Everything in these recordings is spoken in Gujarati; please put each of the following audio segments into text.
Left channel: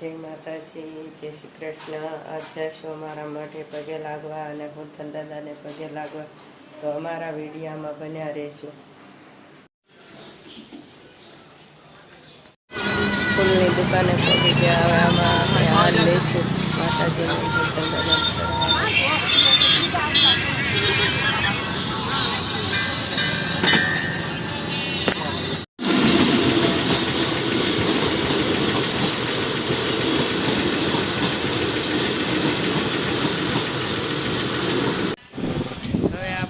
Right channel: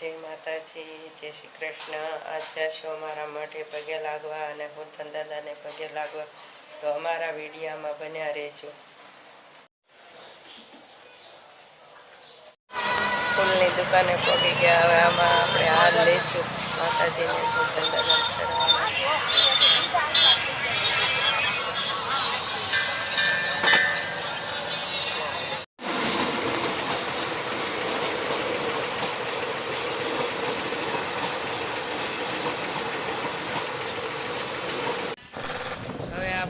જય માતાજી, જય શ્રી કૃષ્ણ. આજ જશો અમારા મઠે પગે લાગવા અને હુરધન દાદાને પગે લાગવા. તો અમારા વિડીયામાં બન્યા રહેજો. ફૂલની દુકાને પગી ગયા. હવે આમાં આપણે હાલ લઈશું માતાજીને હુરધન દાદાને.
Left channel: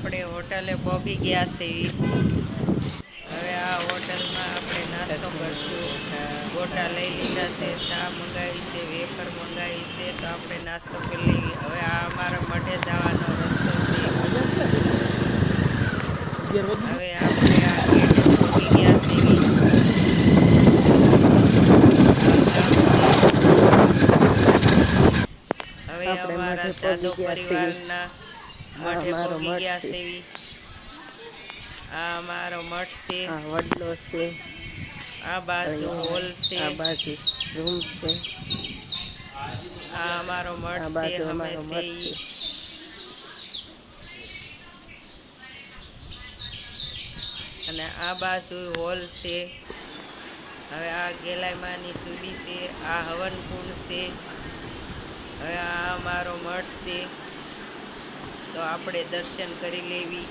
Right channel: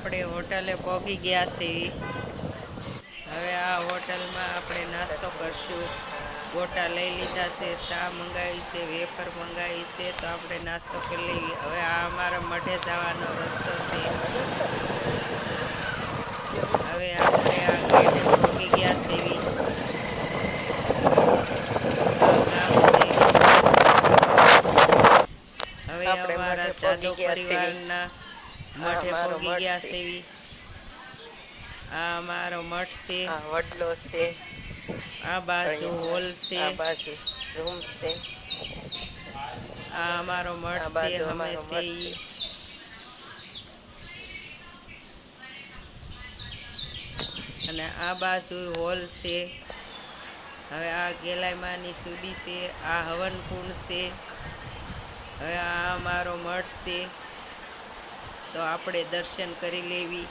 આપણે હોટલે પહોંચી ગયા છીએ. હવે આ હોટલમાં આપણે નાસ્તો કરશું. ગોટા લઈ લીધા છે ચા મંગાવી છે વેફર મંગાવી છે તો આપણે નાસ્તો કરી લેવી હવે આ અમારા મઢે જવાનો રસ્તો છે. હવે આપણે આ ગેટે પહોંચી ગયા છે. હવે અમારા જાદવ પરિવારના મઠે પહોંચી ગયા સેવી. આ મારો મઠ છે. વડલો છે. આ બાજુ હોલ છે. આ બાજુ રૂમ છે. આ અમારો મઠ છે અમે છે અને આ બાજુ હોલ છે. હવે આ ગેલાઈમાની સુબી છે. આ હવનકુંડ છે. હવે આ અમારો મઠ છે. તો આપણે દર્શન કરી લેવી.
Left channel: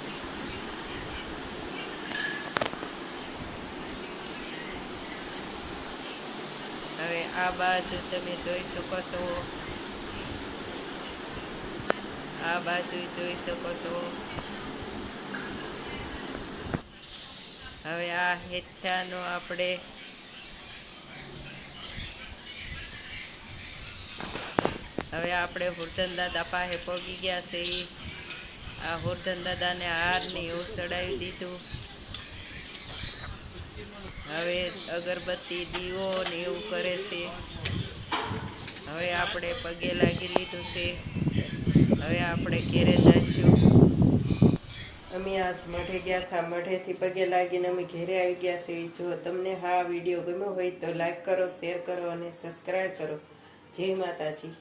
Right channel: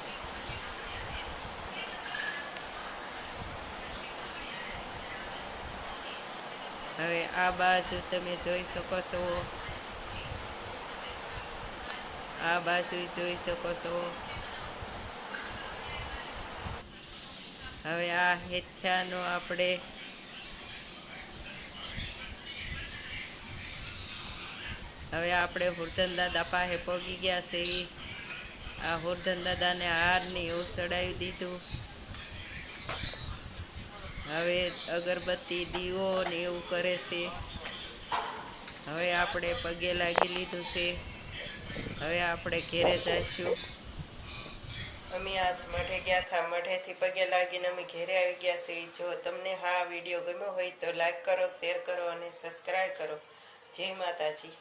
હવે આ બાજુ તમે જોઈ શકો છો. આ બાજુ જોઈ શકો છો. હવે આ હેથ્યાનો આપણે હવે આપણે વૃદ્ધન દાદા પાસે પહોંચી ગયા છે આ હોરધન દાદાને હારની એવું ચડાવી દીધું. હવે અગરબત્તી દીવો ને એવું કરે છે. હવે આપણે પગે લાગી લીધું છે. હવે આપણે ઘેરે જઈશું. અમે આજ મઢે ગયા હતા મઢેથી પગે લાગીને અમે ઘેરે આવી ગયા છે. જો તમને હા વીડિયો ગમ્યો હોય તો લાઈક કરો શેર કરો અને સબસ્ક્રાઈબ કરો. જય માતાજી.